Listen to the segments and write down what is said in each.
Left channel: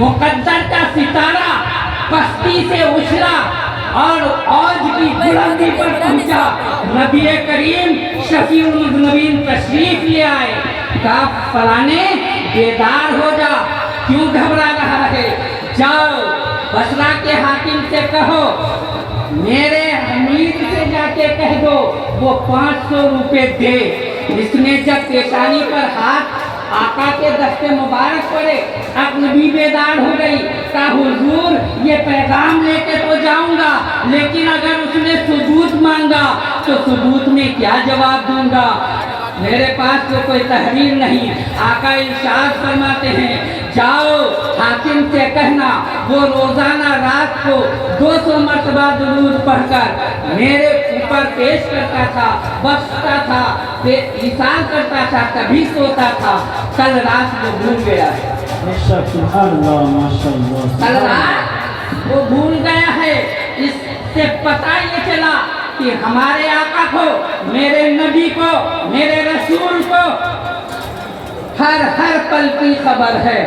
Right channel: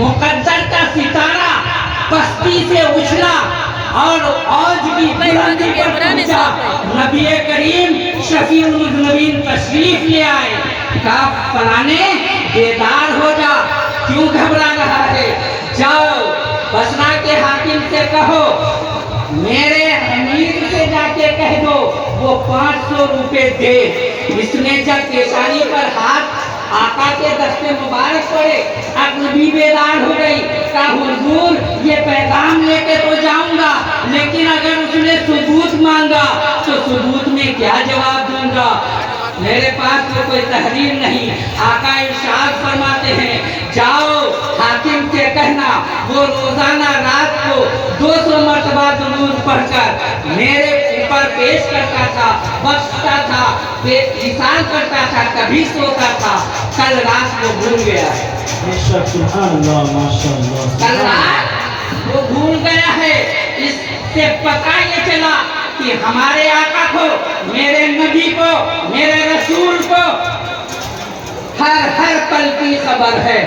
मुकद्दर का सितारा पस्ती से उछला और आज की बुलंदी पर पहुंचा। नबी करीम शफीउल मुज़निबीन तशरीफ ले आए। कहा फलाने बेदार हो जा, क्यों घबरा रहा है? जाओ बसरा के हाकिम से कहो, मेरे अमीर से जाके कह दो वो 500 रुपए दे। इसने जब पेशानी पर हाथ आका के दस्ते मुबारक पड़े, अब नबी बेदार हो गई। कहा हुजूर ये पैगाम लेके तो जाऊंगा, लेकिन अगर उसने सबूत मांगा तो सबूत में क्या जवाब दूंगा? मेरे पास तो कोई तहरीर नहीं। आका इरशाद फरमाते हैं, जाओ हाकिम से कहना वो रोजाना रात को 200 मरतबा दुरूद पढ़कर मेरे ऊपर पेश करता था, बख्शता था, इंसान करता था, कभी सोता था। कल रात को भूल गया है, कल रात वो भूल गया है। इससे पता ये चला कि हमारे आका को, मेरे नबी को, मेरे रसूल को हर पल की खबर है।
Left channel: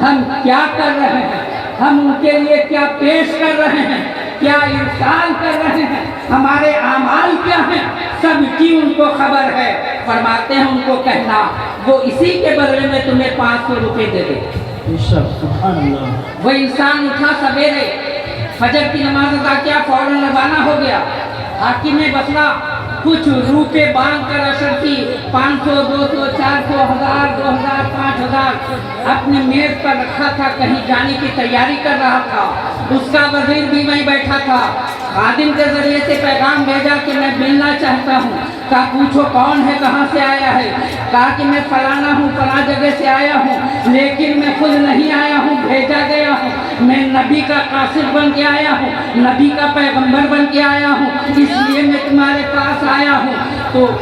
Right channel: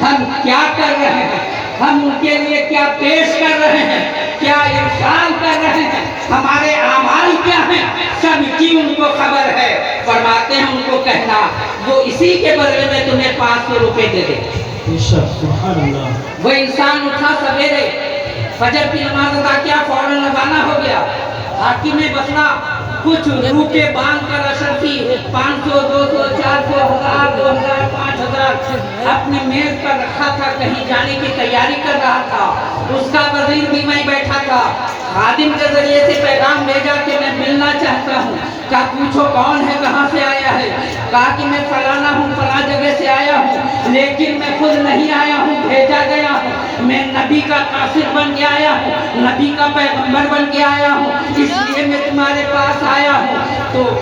हम क्या कर रहे हैं, हम उनके लिए क्या पेश कर रहे हैं, क्या इरशाद कर रहे हैं, हमारे आमाल क्या हैं, सब की उनको खबर है। फरमाते हैं उनको कहना वो इसी के बदले में तुम्हें 500 रुपए दे दे। वो इंसान उठा सवेरे, फजर की नमाज अदा किया, फौरन रवाना हो गया। हाकिम में बसरा कुछ रुपए बांध कर अशरफी 500, 200, 400, 1000, 2000, 5000 अपने मेज पर रखा था। कहीं जाने की तैयारी कर रहा था। उसका वजीर भी वहीं बैठा था। खादिम के जरिए से पैगाम भेजा कि मैं मिलना चाहता हूँ। कहा पूछो कौन है, कहाँ से आया है? कहा कि मैं फलाना हूँ, फला जगह से आया हूँ, लेकिन मैं खुद नहीं आया हूँ, भेजा गया हूँ। मैं नबी का कासिद बन के आया हूँ, नबी का पैगंबर बन के आया हूँ, इसलिए मैं तुम्हारे पास आया हूँ। तो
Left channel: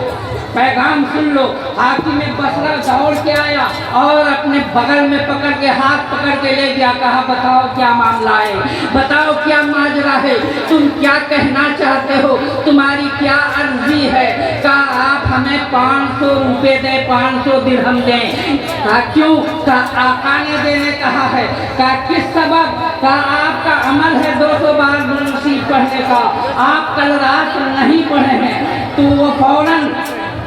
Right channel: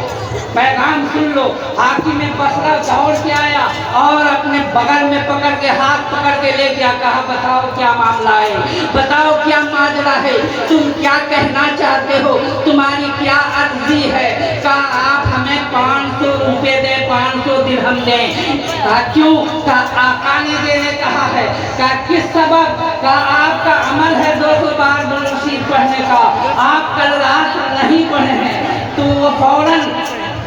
पैगाम सुन लो। हाकिम बसरा दौड़ के आया और अपने बगल में पकड़ के हाथ पकड़ के ले गया। कहा बताओ क्या मामला है, बताओ क्या माजरा है, तुम क्या कहना चाहते हो, तुम्हारी क्या अर्जी है? कहा आप हमें 500 रुपए दे, 500 दिरहम दे। कहा क्यों? कहा आका ने देने कहा है। कहा किस सबब? कहा आपका अमल है 200 बार दुरूद शरीफ पढ़ने का, आप कल रात नहीं पढ़े हैं। तो वो फौरन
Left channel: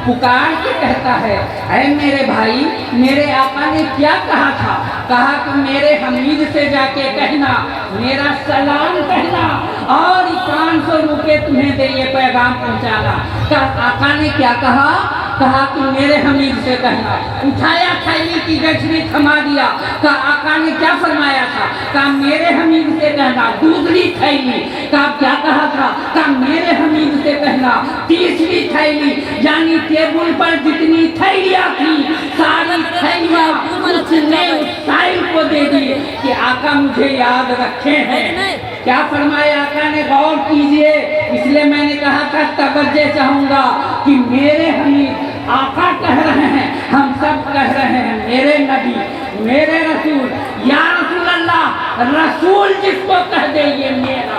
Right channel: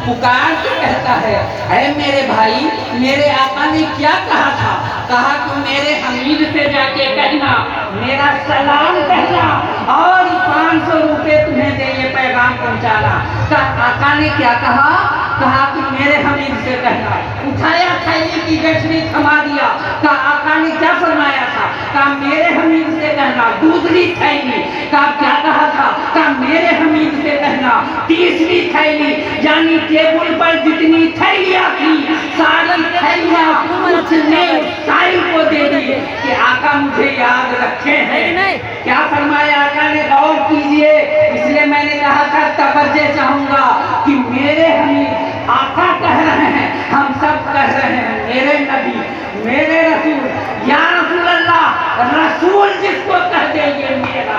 पुकार के कहता है, ऐ मेरे भाई, मेरे आका ने क्या कहा था? कहा कि मेरे हमीद से जाके कहना, मेरा सलाम कहना और 500 रुपए तुम्हें दे ये पैगाम पहुंचाना। कहा आका ने क्या कहा? कहा कि मेरे हमीद से कहना। उठाया थैली की गठरी थमा दिया। कहा आका ने क्या फरमाया था? कहा मेरे हमीद से कहना। दूसरी थैली। कहा क्या कहा था? कहा मेरे हमीद से कहना। तीसरी थैली, यानी टेबल पर जितनी थैलियां थी सारी थैलियां उसने साहिल को दे दी कि आका मुझे याद रखे हैं। क्या फरमाया आका ने? गौर कीजिए, इसलिए मैंने कहा था तवज्जो चाहूंगा कि मेरे हमीद आका कह रहे हैं, हम सब कह रहे हैं मेरे नबी, मेरे रसूल, या रसूल अल्लाह। रसूल जिसको कह दे ये मेरा,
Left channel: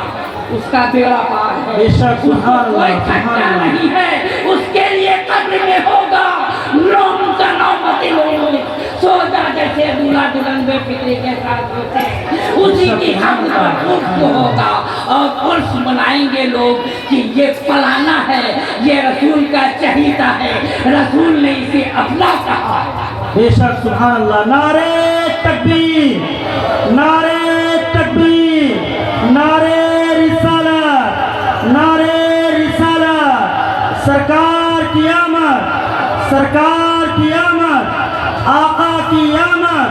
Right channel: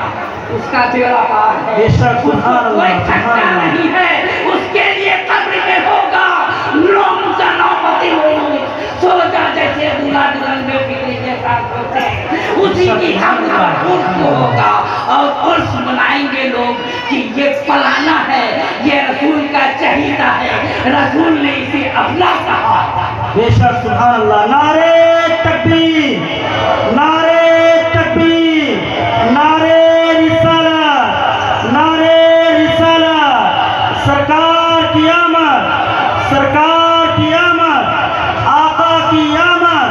उसका दिल पार है, कोई खतरा नहीं है। उसके लिए कब्र में होगा नौम का नौमत लोग सोचा जैसे दूल्हा दुल्हन में फिक्री के साथ होते हैं, उसी की हम को होगा और उर्स मनाएंगे लोग कि ये फलाना है, ये रसूल का चहीता है, रसूल ने इसे अपना कहा। बेशक सुभान अल्लाह। नारे तकबीर, नारे तकबीर, नारे रिसालत, नारे रिसालत। सरकार की आमद, सरकार की आमद, आका की आमद,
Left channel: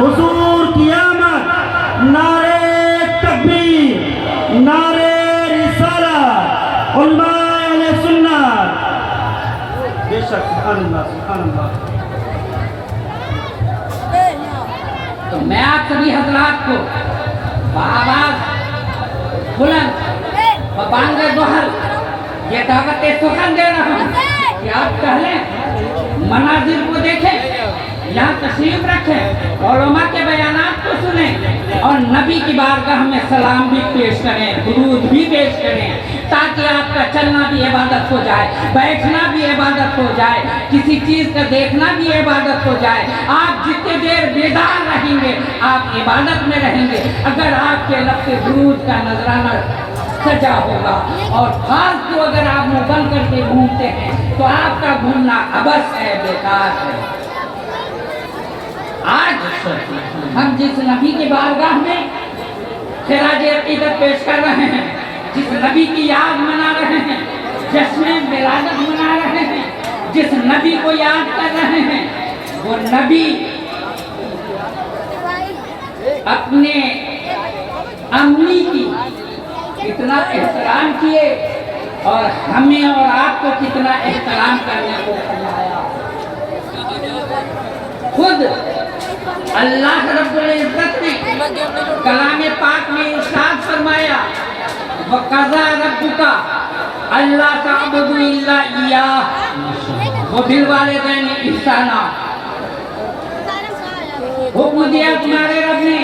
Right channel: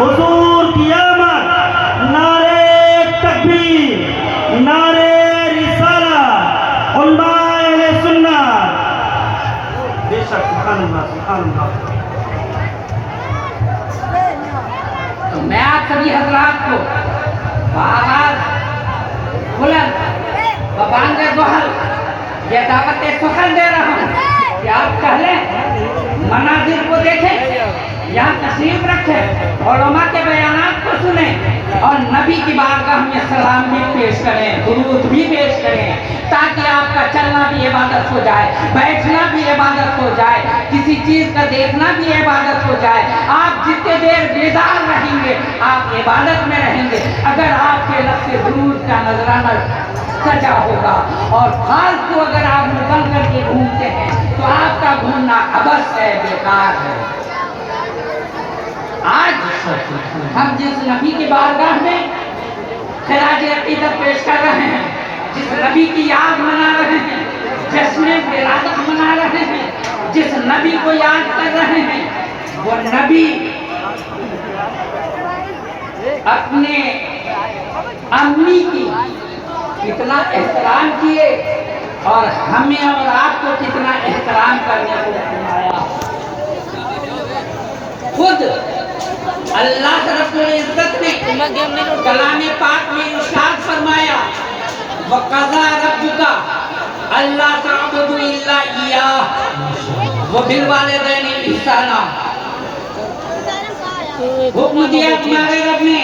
हुजूर की आमद। नारे तकबीर, नारे रिसालत, उलमाए अहले सुन्नत। बेशक सुभान अल्लाह, सुभान अल्लाह। तो मैं आप सभी हजरात को आवाज बुलंद बपांगे जोहर ये दावत फखर दे रहा हूँ कि आप पहले मनाजिर को देखें, यहाँ तशरीफ रखें, उलमा के बयानात को सुने और नबी की बारगाह में सलाम भी पेश करें, दुरूद भी पेश करें। تاکہ آپ کا چلنا بھی عبادت ہو جائے، بیٹھنا بھی عبادت ہو جائے، کسی چیز کا دیکھنا بھی عبادت ہو جائے۔ آپ جتنے دیر بیدار رہیں گے آپ عبادت میں رہیں گے۔ اگر آپ کے لب سے درود کا نذرانہ سجا ہوگا اور فالتو اگر آپ منہ بند کر کے گھومتے ہیں تو آپ کا گھومنا عبث ہے، بیکار ہے۔ آج ہم جس نبی کی بارگاہ میں خراج عقیدت پیش کر رہے ہیں، جس نبی کی یاد منا رہے ہیں، جشن ولادت منا رہے ہیں، جس نبی کو یاد کر رہے ہیں، وہ نبی اپنے امی کی کتنا احترام کیے اور ہمیں اور آپ کو کتنا احترام کرنے کو فرمایا۔ خود اللہ رب العزت نے کلام پاک میں ارشاد فرمایا، وَقَضَىٰ رَبُّكَ أَلَّا تَعْبُدُوا إِلَّا إِيَّاهُ وَبِالْوَالِدَيْنِ إِحْسَانًا۔ حکم دیا تمہارے رب نے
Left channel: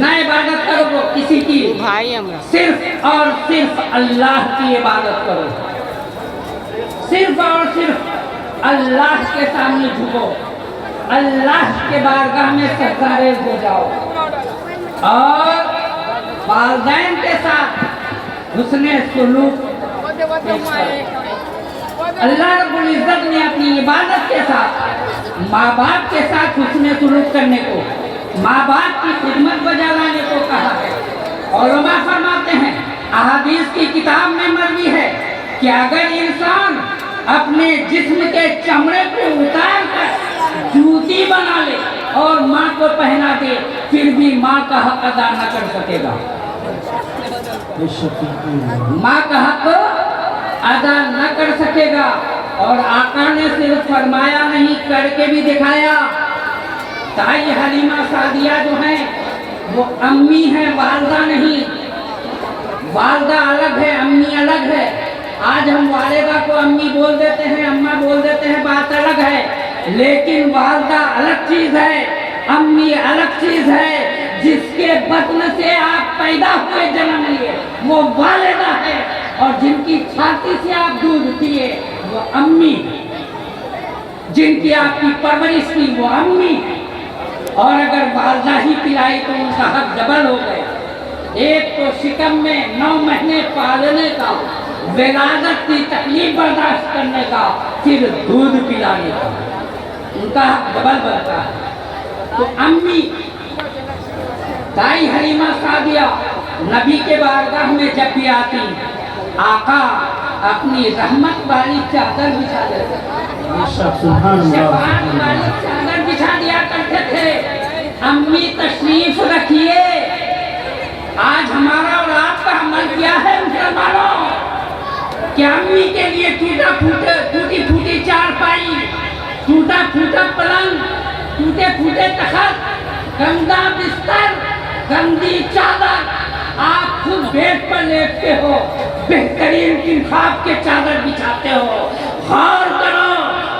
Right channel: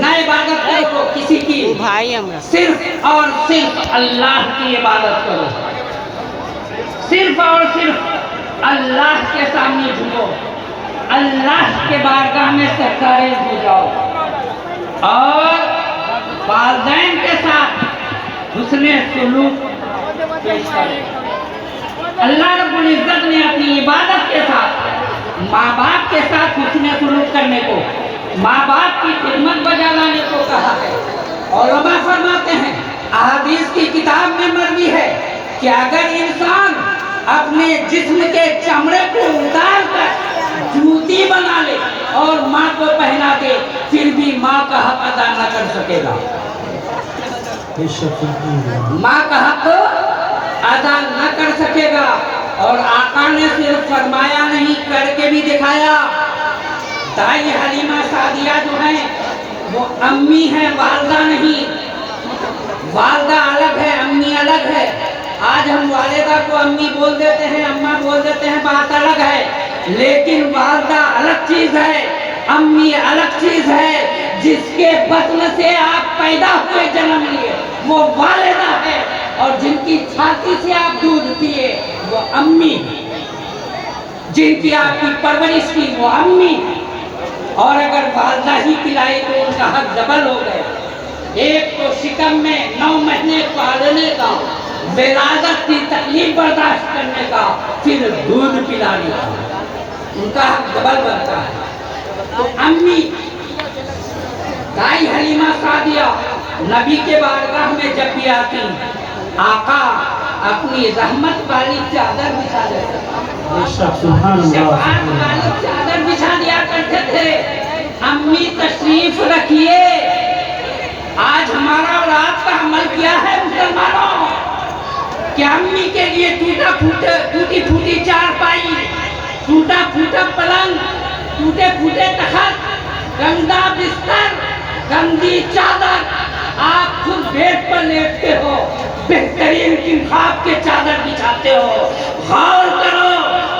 نہ عبادت کرو کسی کی، صرف اور صرف اللہ کی عبادت کرو، صرف اور صرف اللہ کے سامنے جھکو، اللہ کے بارگاہ میں سرکارے ہو جاؤ اور والدین کے ساتھ حسن سلوک۔ اللہ رب العزت نے اپنی عبادت کے ساتھ ماں باپ کے ساتھ حسن سلوک کرنے کو، ماں باپ کی خدمت بجا لانے کو کہا ہے۔ علماء فرماتے ہیں، احادیث کی کتاب میں مروی ہے کہ اگر انسان اپنے جسم کے چمڑے کو اتار کر جوتی بنا لے اور ماں کو پہنا دے پھر بھی ماں کا حق ادا نہ کر سکے گا، ماں کا حق ادا نہ کر سکے گا۔ اور آقا نے صرف فرمایا نہیں، کر کے بھی دکھایا۔ دائی حلیمہ سعدیہ جو ہیں وہ امی ہیں، والدہ نہیں۔ والدہ الگ ہے، امی الگ ہے۔ آج ہم والدہ کو امی بول دیتے ہیں، اماں بول دیتے ہیں، بات الگ ہے، لیکن والدہ الگ چیز ہے، امی الگ چیز ہے۔ جس کے بطن سے آپ پیدا ہوئے جنم لیے وہ والدہ ہے، اور جن کی چھاتی سے آپ دودھ پیے وہ امی، جن کی آپ کی پرورش کی وہ امی۔ اور اگر والدہ ہی پلائی تو ان کا حق ڈبل ہو گیا۔ ایک تو شکم میں 9 مہینے پالنے کا، ولادت کی تکلیف برداشت کرنے کا، پھر دودھ پلانے کا، ان کا حق ڈبل بنتا ہے۔ تو امی دائی حلیمہ سعدیہ نبی کے بارگاہ میں جب بھی آتی، آقا اپنی رحمت والی چادر بچھا دیتے، شفاعت والی چادر بچھا دیا کرتے تھے۔ امی تشریف رکھیے۔ آج ہمارا اور آپ کا عمل کیا ہے مسلمانوں؟ کہ امی کے لیے ٹوٹی پھوٹی چارپائی، ٹوٹا پھوٹا پلنگ، ٹوٹے پھوٹے تخت، گندا بستر، گندی چادر، آپ خود بیڈ پر لیٹتے ہو، بہترین انتخاب کے چادر بچھاتے ہو۔ غور کرو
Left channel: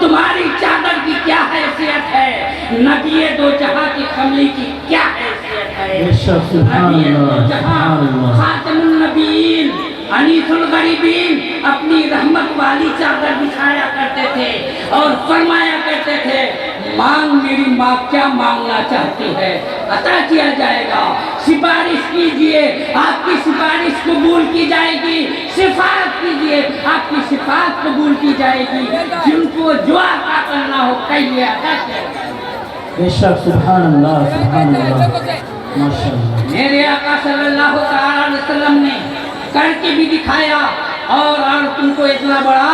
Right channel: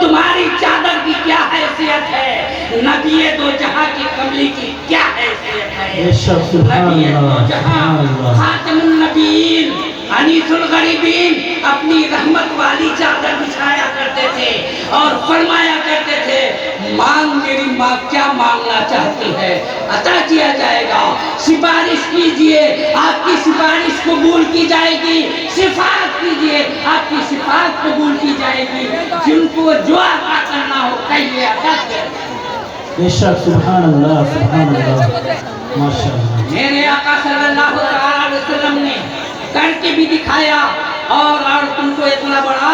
تمہاری چادر کی کیا حیثیت ہے، نبی دو جہاں کی کملی کی کیا حیثیت ہے۔ نبی دو جہاں خاتم النبیین انیس الغریبین اپنی رحمت والی چادر بچھایا کرتے تھے اور فرمایا کرتے تھے، مانگ میری ماں کیا مانگنا چاہتی ہے عطا کیا جائے گا، سفارش کیجئے آپ کی سفارش قبول کی جائے گی، شفاعت کیجئے آپ کی شفاعت قبول کی جائے گی، جن کو جو عطا کرنا ہو کہیے عطا کریں۔ بے شک، سبحان اللہ، سبحان اللہ، ماشاءاللہ۔ میرے آقا صلی اللہ علیہ وسلم نے کر کے بھی دکھایا اور تم کو اتنا بڑا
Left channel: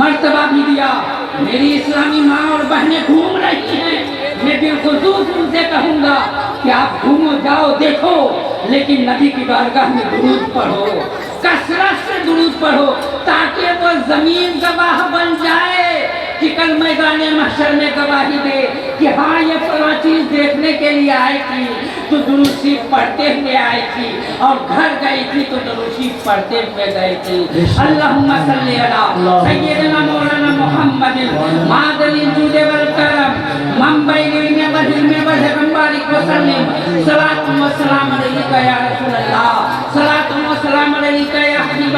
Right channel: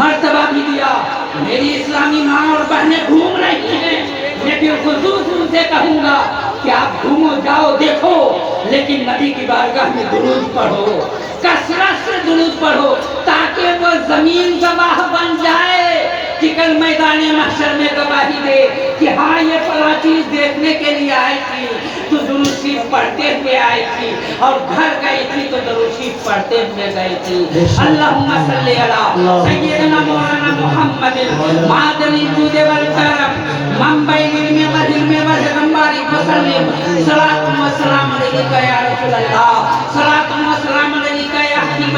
مرتبہ بھی دیا۔ میری اسلامی ماں اور بہنیں گھوم رہی ہیں، میں بالخصوص ان سے کہوں گا کہ آپ گھومو جاؤ دیکھو، لیکن نبی کی بارگاہ میں درود پڑھو، کثرت سے درود پڑھو، تاکہ وہ زمین گواہ بن جائے کہ کل میدان محشر میں گواہی دے کہ ہاں یہ فلاں چیز دیکھنے کے لیے آئی تھی تو درود شریف پڑھتے ہوئے آئی تھی، اور گھر گئی تھی تو درود شریف پڑھتے ہوئے گئی تھی۔ اللہم صلی علی سیدنا مولانا محمد معدن الجود والکرم منبع العلم والحلم والحکم بارک وسلم، صلاۃ و سلام علیک یا رسول اللہ، صلاۃ و سلام علیک یا حبیب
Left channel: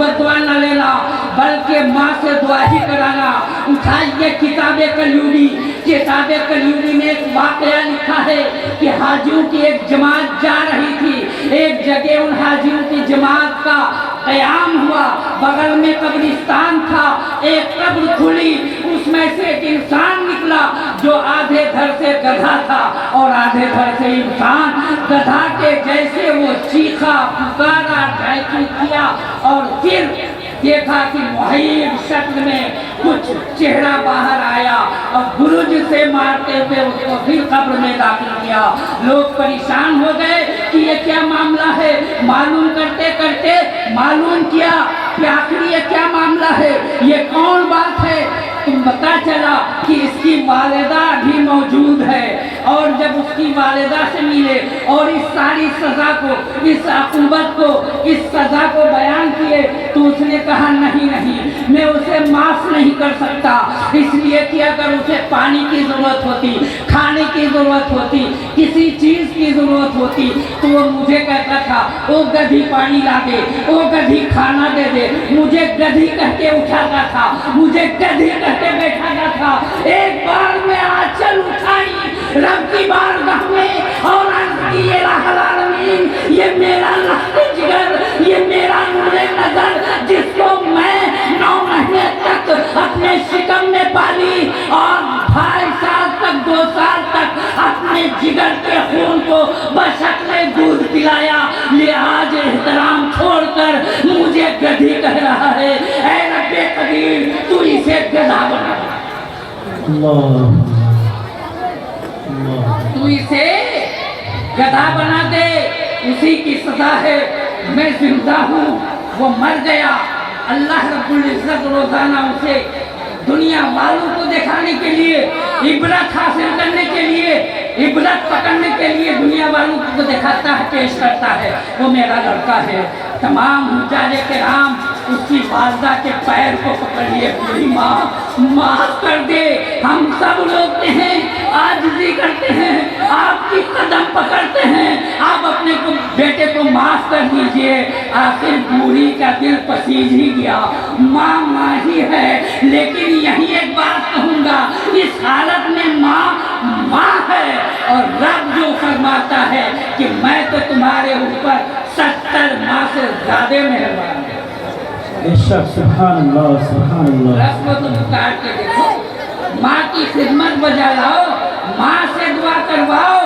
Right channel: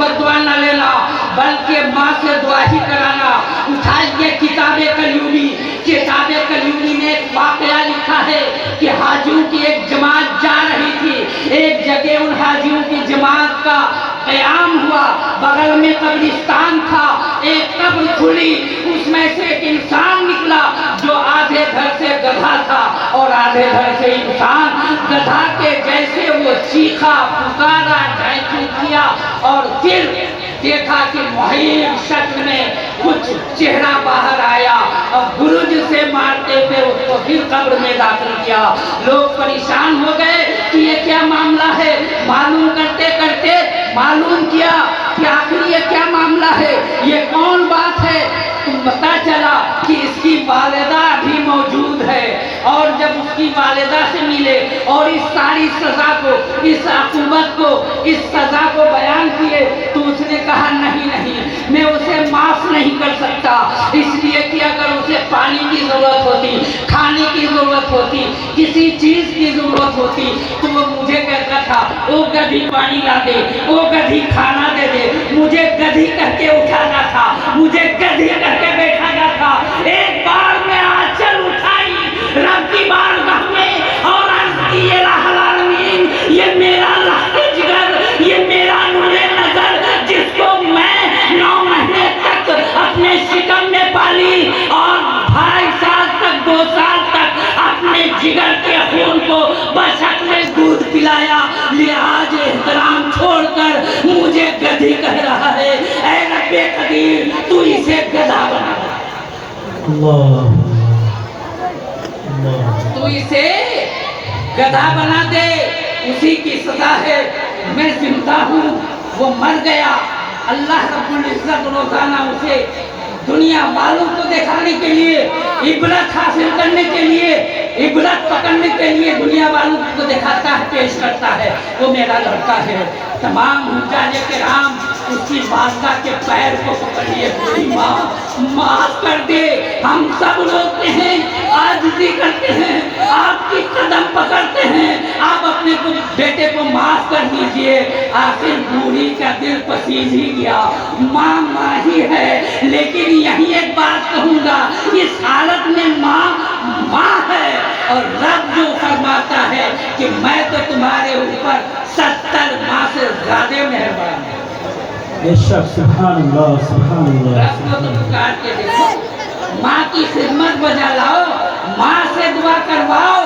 बददुआ न लेना, बल्कि माँ से दुआ ही कराना। उठाइए किताबे कलयूनी, किताबे कलयूनी में एक वाकया लिखा है कि हाजियों की एक जमात जा रही थी। एक जगह उन हाजियों की जमात का क़याम हुआ, बगल में कब्रिस्तान था, एक कब्र खुली, उसमें से एक इंसान निकला जो आधे धड़ से गधा था और आधे धड़ से इंसान। गधा के जैसे वो चीखा, पुकारा, ढाई किया और फिर देखा कि मुहीब शक्ल में कुछ चेहरा बाहर आया और गुरुज से मारते हुए उसको फिर कब्र में दाखिल किया। लोग परेशान हो गए कि ये क्या मामला है। मालूम करते करते मालूम किया कि आखिर ये क्या मामला है, ये कौन बात है। तो पता चला कि इसकी वालिदा भी मौजूद है और जब उसकी वालिदा से मिले और इस सारी सजा को, इस अक़ूबत को, इस सजा को बयान किए तो उसने कहा नहीं नहीं, मैं उसे माफ़ नहीं कर सकता, इसलिए कि अगर उसे पानी की ज़रूरत होती, खाने की ज़रूरत होती, किसी चीज़ की ज़रूरत होती तो वो मुझे कहता था वो गधी पानी ला दे, वो गधी खाना दे दे, मुझे गधी कह के उठाता था, मुझे गधी कह के बैठाया था। एक बार मैं आंचल उठाई रब की बारगाह में और अर्ज़ की ये रब्बुल आलमीन, ये मेरा लहज़े जिगर, ये मेरा नूरे नज़र जिसको मैं 9 महीने तक अपने शिकम में पाली और 2.5 साल तक, 2 साल तक अपने जिगर के खून को बशक्ल दूध पिलाया, ये आज एहतराम छोड़कर मुझे गधी कह रहा है। ऐ रब्बे कदीर, तू इसे गधा बना दे, तू इसे गधा बना दे, उसी की सजा है। मैं जिंदा हूँ, वो मर गया। अल्लाह रब्बुल इज़्ज़त रोजाना उसे दुनिया वालों को दिखाने के लिए, इबरत हासिल करने के लिए, इबरत पकड़ने के लिए दुनिया वालों को दिखाता है, पेश करता है। वो मेरा लड़का है। तमाम हुज्जाजे के राम उसकी वालदा के पैर को पकड़िए, पूरी माँ माफ कर दे। हम सब रोते हैं, आजिज़ी करते हैं, आपकी कदम पकड़ते हैं, आप अपने को बेटे को माफ कर दीजिए। आखिर बूढ़ी का दिल पसीज ही गया। माँ माँ ही है, लेकिन यही एक बात कहूँगा, इस हालत में माँ माँ है और रब जो फरमाता है कि मैं तो तुम्हारे ऊपर 70 माँ से ज्यादा मेहरबान हूँ। सुभान अल्लाह, सुभान अल्लाह। रब को तुम काट के देखो, माँ की खिदमत बजा लाओ, माँ से दुआ करवाओ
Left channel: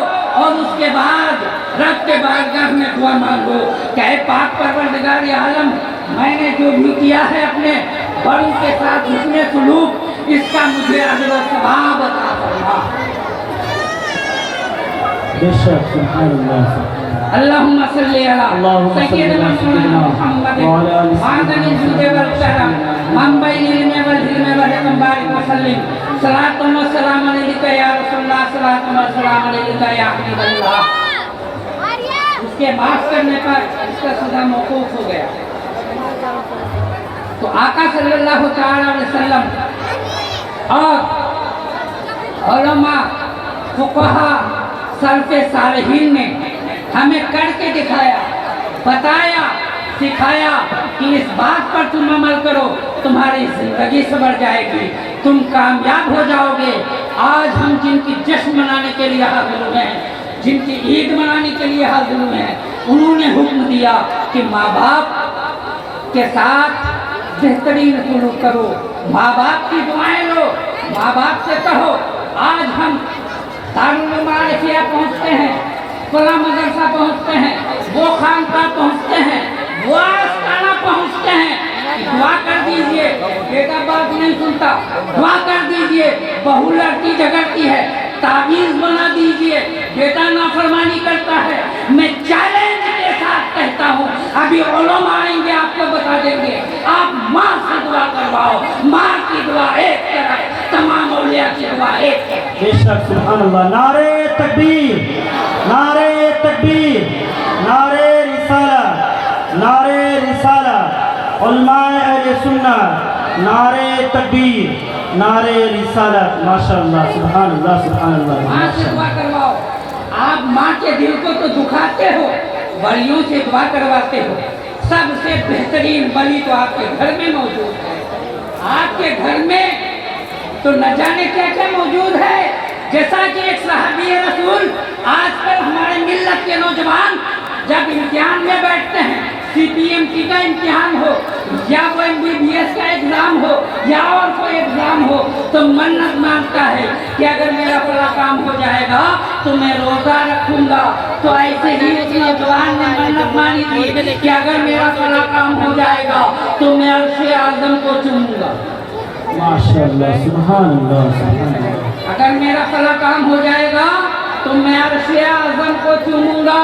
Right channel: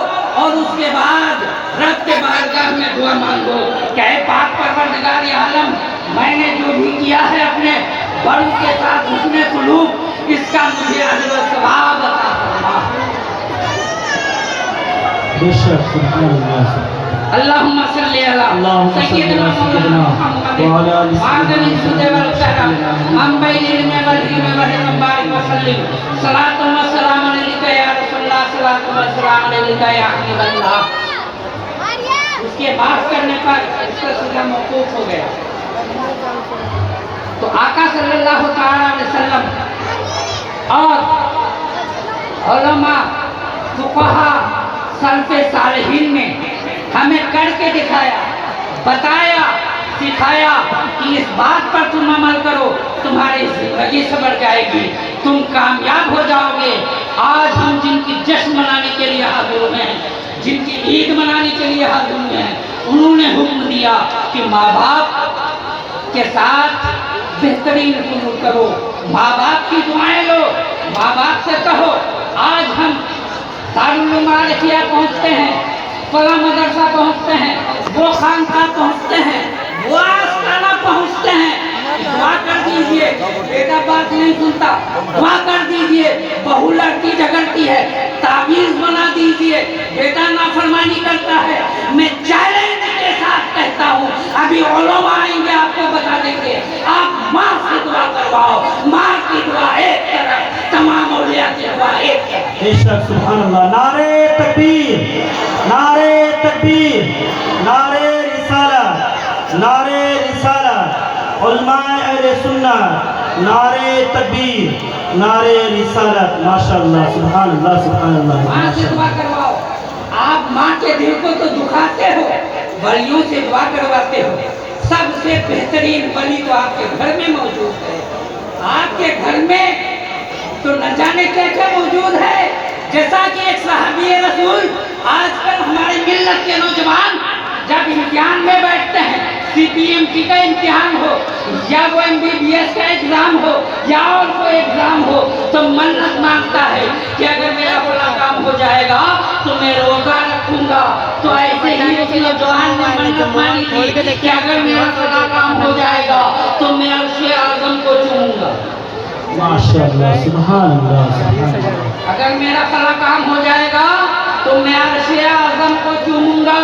और उसके बाद रब के बारगाह में दुआ मांगो। कहे पाक परवरदिगार आलम, मैंने जो भी किया है अपने बड़ों के साथ हुस्न सलूक, इसका मुझे अजर व सवाब अता फरमा। बेशक सुभान अल्लाह। अल्लाहुम्मा सल्ली अला सय्यिदना मुहम्मद व अला आलिहि वल सल्लम मन बैनिल वल हिम वल बारिक वसल्लम सलातु व सलाम अलैका या रसूलल्लाह, सलातु व सलाम अलैका या हबीबल्लाह। उसके माफ करने पर उसका सजा मौकूफ हो गया। तो आका सल्लल्लाहु तआला अलैहि वसल्लम और उलमा, फुक़हा, सल्फ़े सालिहीन ने हमें करके दिखाया, बताया, सिखाया कि इस बात पर तुम अमल करो, तुम्हारी जिंदगी संवर जाएगी, तुम कामयाब हो जाओगे। आज हम जिनकी जश्न मनाने के लिए हाजिर हुए हैं, जिनकी ईद मनाने के लिए हाजिर हुए हैं, उन्होंने हुक्म दिया कि माँ बाप के साथ बेहतरीन सलूक करो, माँ बाप की दुआएं लो, माँ बाप से कहो। आज हम दारुल मारिफिया पहुँचते हैं, फला मदरसा पहुँचते हैं, वो खानका पहुँचते हैं, वो आस्ताना पहुँचते हैं, दुआ कर दीजिए। बेटा बात नहीं सुनता, दुआ कर दीजिए। बहू लड़की झगड़ती है, ताबीज़ बना दीजिए। बेटा नाफरमानी करता है, मैं चैलेंज के साथ कहता हूँ, अभी उलमा आएंगे आपको बता देंगे। आप माँ से दुआ करवाओ, माँ की दुआ एक तरफ, तमाम औलिया की दुआ एक तरफ। बेशक सुभान अल्लाह। नारे तकबीर, नारे तकबीर, नारे रिसालत, नारे रिसालत, उलमाए अहले सुन्नत, नारे तकबीर, नारे रिसालत। माशाअल्लाह, सुभान अल्लाह, सुभान अल्लाह। माँ से दुआ करवाओ। आप माँ के दिल को तो दुखाते हो, वलियों से दुआ करवाते हो। सब से बेहतरीन वली तो आपके घर में मौजूद है। आपके घर में तो न जाने क्या क्या मौजूद है। जैसा कि एक सहाबी रसूल, आजकल हमारे मिल्लत के नौजवान जब इम्तिहान में बैठते हैं, CPMT का इम्तिहान हो या वो MBBS का एग्जाम हो या और कोई एग्जाम हो, तो मन्नत मांगता है कि अगर मेरा बड़ा काम हो जाएगा तो मैं रोजा रखूंगा। तो ऐसे ही उस नौजवान ने मन्नत मांगी थी कि अगर मेरा बड़ा काम हो जाएगा तो मैं अर्श-ए आज़म को चूमूंगा। माशाअल्लाह, सुभान अल्लाह, सुभान अल्लाह। अगर मेरा बड़ा काम हो जाएगा तो मैं अर्श-ए आज़म को चूमूंगा।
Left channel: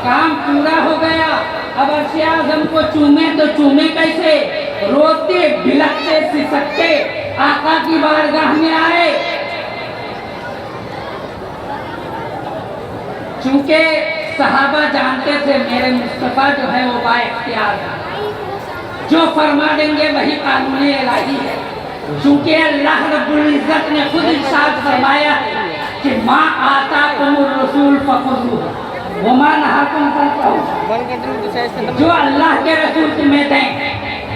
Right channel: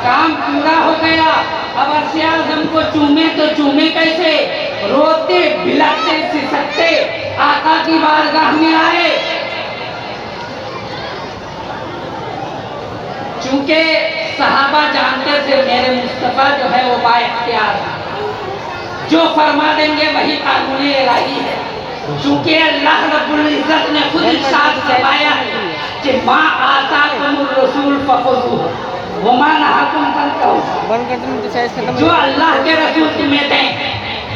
काम पूरा हो गया, अब अर्श-ए आज़म को चूमे तो चूमे कैसे? रोते बिलखते सिसकते आका की बारगाह में आए। चूंकि सहाबा जानते थे मेरे मुस्तफा जो है वो बाइख्तियार है, जो फरमा देंगे वही कानूनी इलाही है। चूंकि अल्लाह रब्बुल इज्जत ने खुद इरशाद फरमाया है कि माँ आताकुमुर रसूल फखुज़ूहु व मा नहाकुम फंतहू। जो अल्लाह के रसूल तुम्हें दें,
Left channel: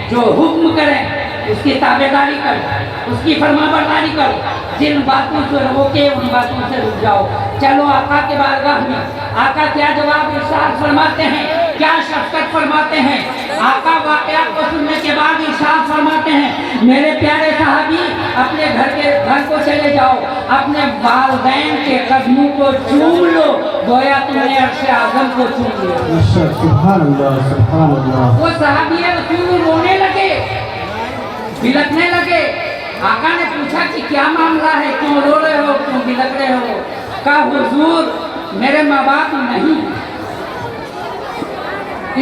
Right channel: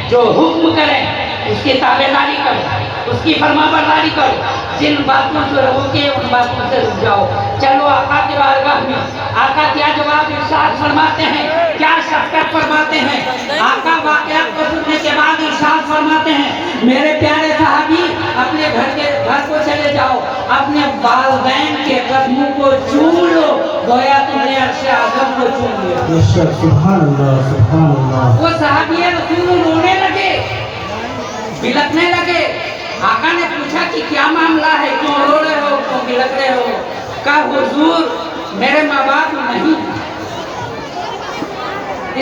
जो हुक्म करें उसकी ताबेदारी करो, उसकी फरमाबरदारी करो। जिन बातों से रोके उन बातों से रुक जाओ। चलो आका के बारगाह में आका क्या जवाब इरशाद फरमाते हैं, क्या शफ़क़त फरमाते हैं। आका वाक़यात को सुनने के बाद इरशाद फरमाते हैं, मेरे प्यारे सहाबी अपने घर को चले जाओ, अपने वालिदैन के कदमों को चूम लो, गोया तुमने अर्श-ए आज़म को चूम लिया। सुभान अल्लाह, सुभान अल्लाह। वो सहाबी रसूल रोने लगे, बिलखने लगे। आका ने पूछा कि क्या मामला है, क्यों रो रहे हो, क्यों बिलख रहे हो? कहा हुजूर मेरे माँ बाप नहीं,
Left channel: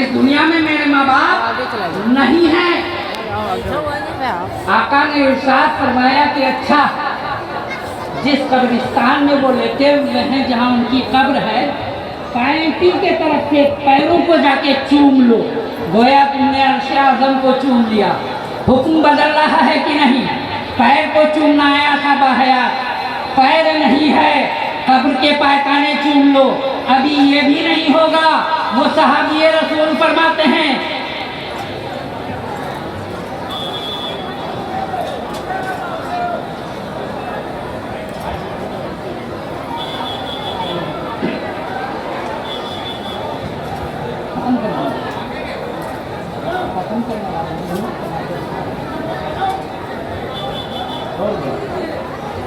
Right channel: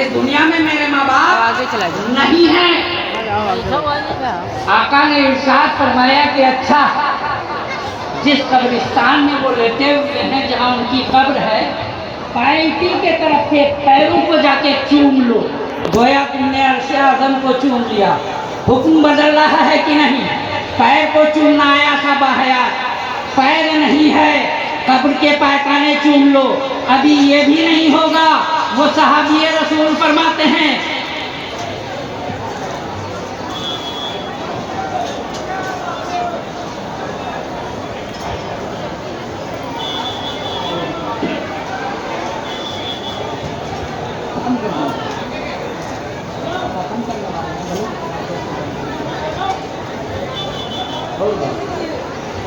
इस दुनिया में मेरे माँ बाप नहीं हैं। आका ने इरशाद फरमाया कि अच्छा, जिस कब्रिस्तान में वो लेटे हुए हैं जहाँ उनकी कब्र है, पैंती के तरफ के पैरों को जाके चूम लो, गोया तुमने अर्श-ए आज़म को चूम लिया। हुक्म बदल रहा है कि नहीं? पैर को चूमना आया सब आया, पैर नहीं है, कब्र के पैखाने चूम लो। अभी ये भी नहीं होगा। वो सहाबी रसूल फरमाते हैं,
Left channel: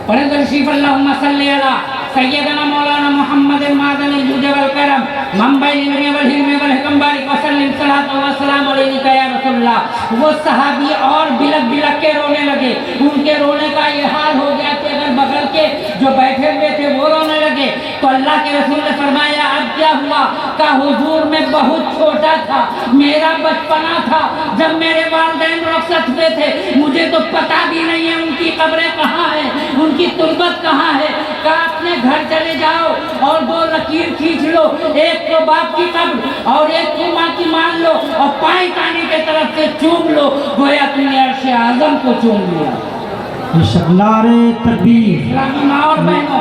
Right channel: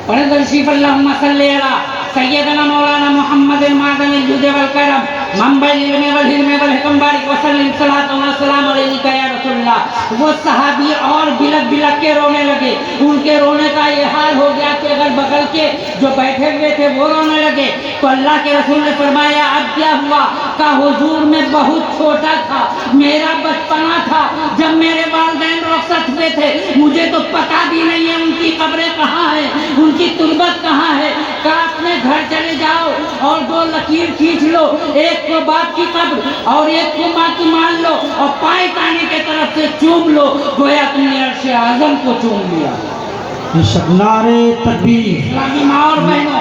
पढ़े तशरीफ अल्लाहुम्मा सल्ली अला सय्यदना मौलाना मुहम्मद मादनी जुद वल करम मंबई इल्म वल हिल्म वल हिकम बारिक वसल्लम सलातो व सलाम अलैका या रसूलल्लाह। वो सहाबी और बिलख बिलख के रोने लगे। उनके रोने का ये हाल हो गया कि अगर बगल के जो बैठे हुए थे वो रोने लगे। तो अल्लाह के रसूल ने फरमाया अब क्या हुआ? का हुजूर में बहुत छोटा था, मेरा बचपना था जब मेरे वालिदैन रुखसत हुए थे, मुझे तो पता भी नहीं है उनकी कब्रें कहाँ है, उनकी तुर्बत कहाँ है। का अपने घर चले जाओ और दो लकीर खींच लो, एक को बाप की कब्र और एक को माँ की मान लो और पाए काने के तरफ से चूम लो, गोया तुमने अर्श-ए आज़म को चूम लिया। नारे तकबीर। इस्लामी माँ और बहनों,